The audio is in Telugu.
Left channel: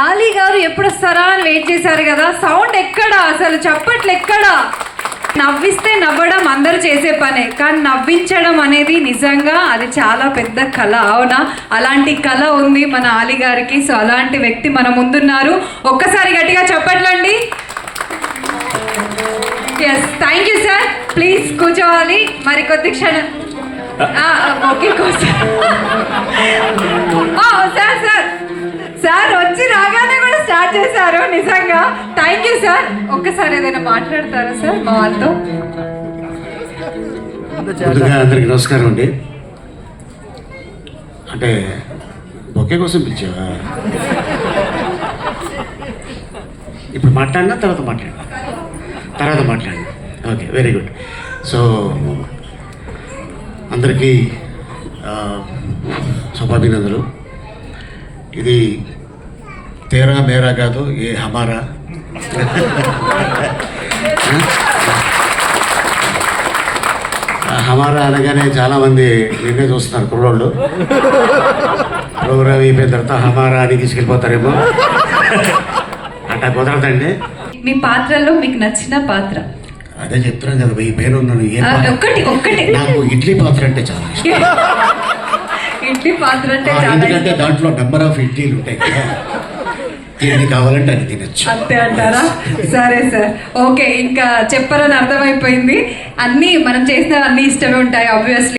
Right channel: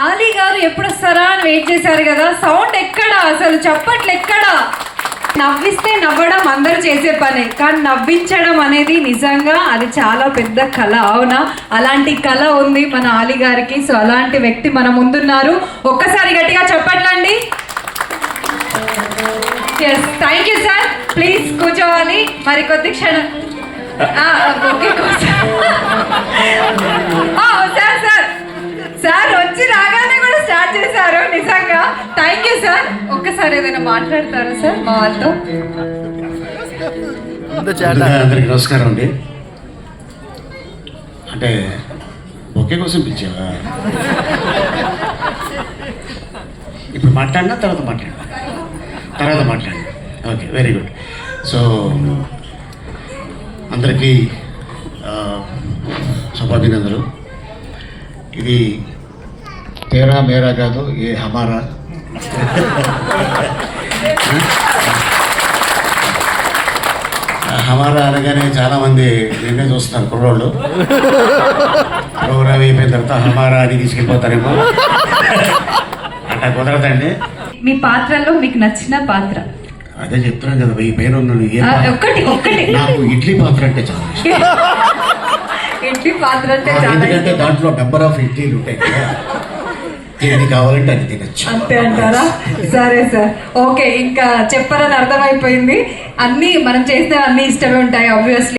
ఆలీ గారు ఎప్పుడు వస్తారా అని వెయిట్ చేశారు కదా. సౌండ్ ఎక్కడా, అసలు చప్పట్లు ఎక్కడా. నవ్విస్తే నవ్వడం అందరూ చేసే పనే, కానీ నవ్వించడం అనేది నిజంగా అది చాలా పెద్ద కళ. అవునా? అలాంటి కళ ఉంది మన ఆలీ గారికి. సో అలాంటి వ్యక్తి మన ముందున్నారు. ఒక్కసారి గట్టిగా చప్పట్లండి. Yes, thank you sir. Please కూర్చోవాలి. మరి కొద్ది క్షణం సార్ సార్ సార్ వచ్చి రాగానే కూడా స్టార్ట్ చేశారు. నిజంగా థ్యాంక్ యూ సార్. ఒక్కసారి ఏదైనా మాట్లాడతారా సార్ మా వాళ్ళతో? అందరికి నమస్కారం అండి. అంటే బొకే కోసం పిలిచావా? ఇప్పుడు మాట్లాడినా తర్వాత మాట్లాడినా ఓకే, వెరీ గుడ్. సో అందరికీ శుభాభినందనలు. ఇది తేరా మేరా కాదు, ఏ హమారా. హమారా అనగానే చాలామంది నిన్నే చూస్తున్నారు కుర్రోళ్ళు. ప్రోగ్రామ్ అయిపోయిన తర్వాత హమారా అని తీసుకెళ్ళిపోతారేమో. అట్లా కుదరదండి. మీ పాత్రలో మీకు నచ్చిన పాత్ర? అదే చెప్తున్నాను కదా, ఈ పేరు ఒక్కటి నాకు ఇడ్లీ పాత్ర అంటే చాలా ఇష్టం. ఇడ్లీ పాత్ర అంటే ఎందుకంటే దాంట్లో నెంబర్ ఆఫ్ ఇడ్లీలు ఉంటాయి కదా, ఏది కావాలంటే అది తినచ్చు. అంతే అంటారా? సరే సార్, ఓకే. ఇంకా చెప్పాలని అర్థమైపోయింది. అన్ని మనం చేసినవన్నీ ఇష్టమే ఉంటాయి ఆబ్వియస్లీ.